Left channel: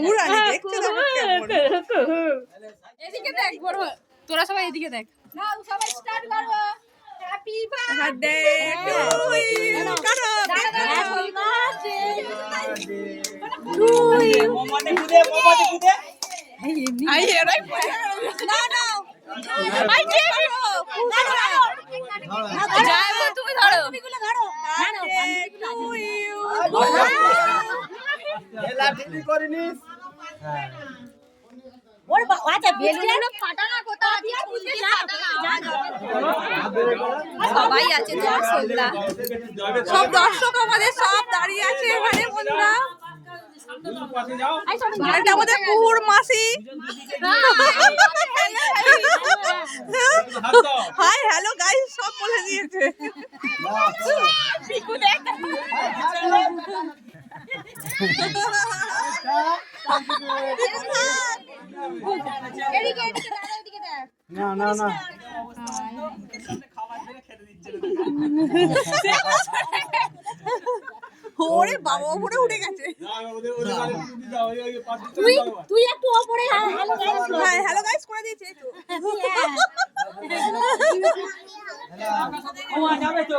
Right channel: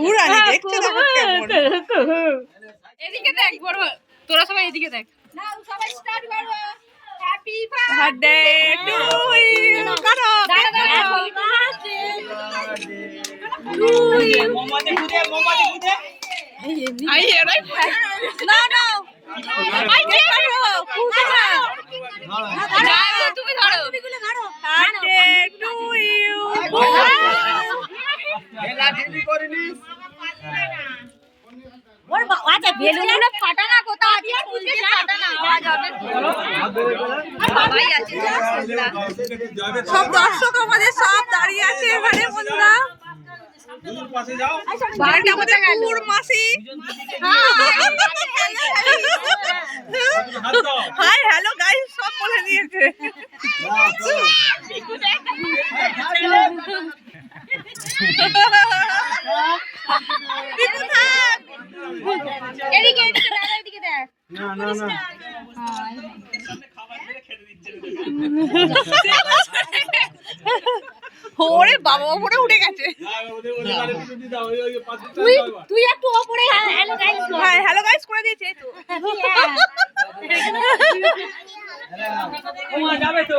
উড়ানি দেখছে দেখো কেমন এদিকে দেখ বড় তোরা সবাই এদিকে দেখ বার্থডে টু ইউ কাটো কেক কাটো আই এরাই না না আই কেক কাটো খুশি না তুমি ধরো বার্থডে টু ইউ ওর বা- আচ্ছা বেলুনগুলো ফাটানা কোথা আছে? ফাটানা। সবাই আছে যা সোল্লা সব দর্শক আমাদের সব দাঁড়িয়ে আছে এখানে বন্ধুরা। আমাদের মাসি। হাই হ্যালো গাইস সব বলে দিয়েছে। ওরে বাবা ওপরে উঠে গেছে। তুই তুই একটু ওপরে হ্যালো গাইস হ্যাঁ হ্যালো গাইস করে দিয়েছে তো। যাবে তো।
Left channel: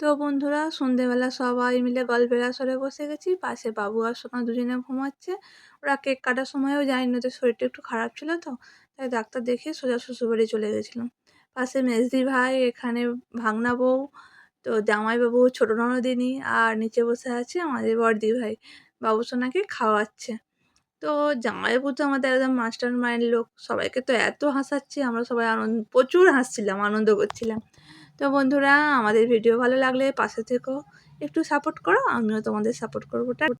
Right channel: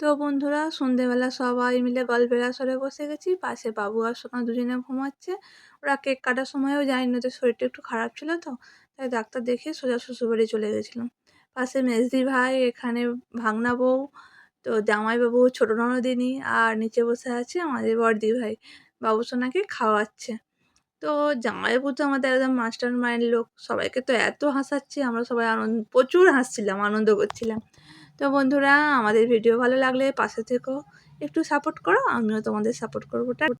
তো বন্ধুরা, সন্ধেবেলা সবাই মিলে গল্পের আসরে বসে গেছি। পাশে বাবু আর সোনা দুজনে ঘুমাচ্ছে। ওরা কেক কাটার সময়ও যায়নি ওদের শরীরটা একটু খারাপ ছিল তো, তাই ডাক্তার দেখিয়ে সোজা শ্বশুরবাড়ি চলে গেছিলাম। পাশে মেজদি ভাই, এখানে ভাগনা বউ, তো জামাইবাবু, ছোটো ননদিনী আর নিচে বসে আছে আমাদের বড়দি ভাই। বাবু সোনাকে খাওয়াচ্ছে। তো জামাইবাবু তো আমাদের একদম মাস্টার মাইন্ড লোক। সবাইকে তো এত হাসাচ্ছে, আমরা সবাই আনন্দ, প্রচুর হাসছিলাম, আনন্দ করছিলাম। তো বন্ধুরা, আমাদের ভিডিও ভালো লাগলে পাশে থেকো একটু সাপোর্ট করো, আমিও তোমাদের সাপোর্ট করব।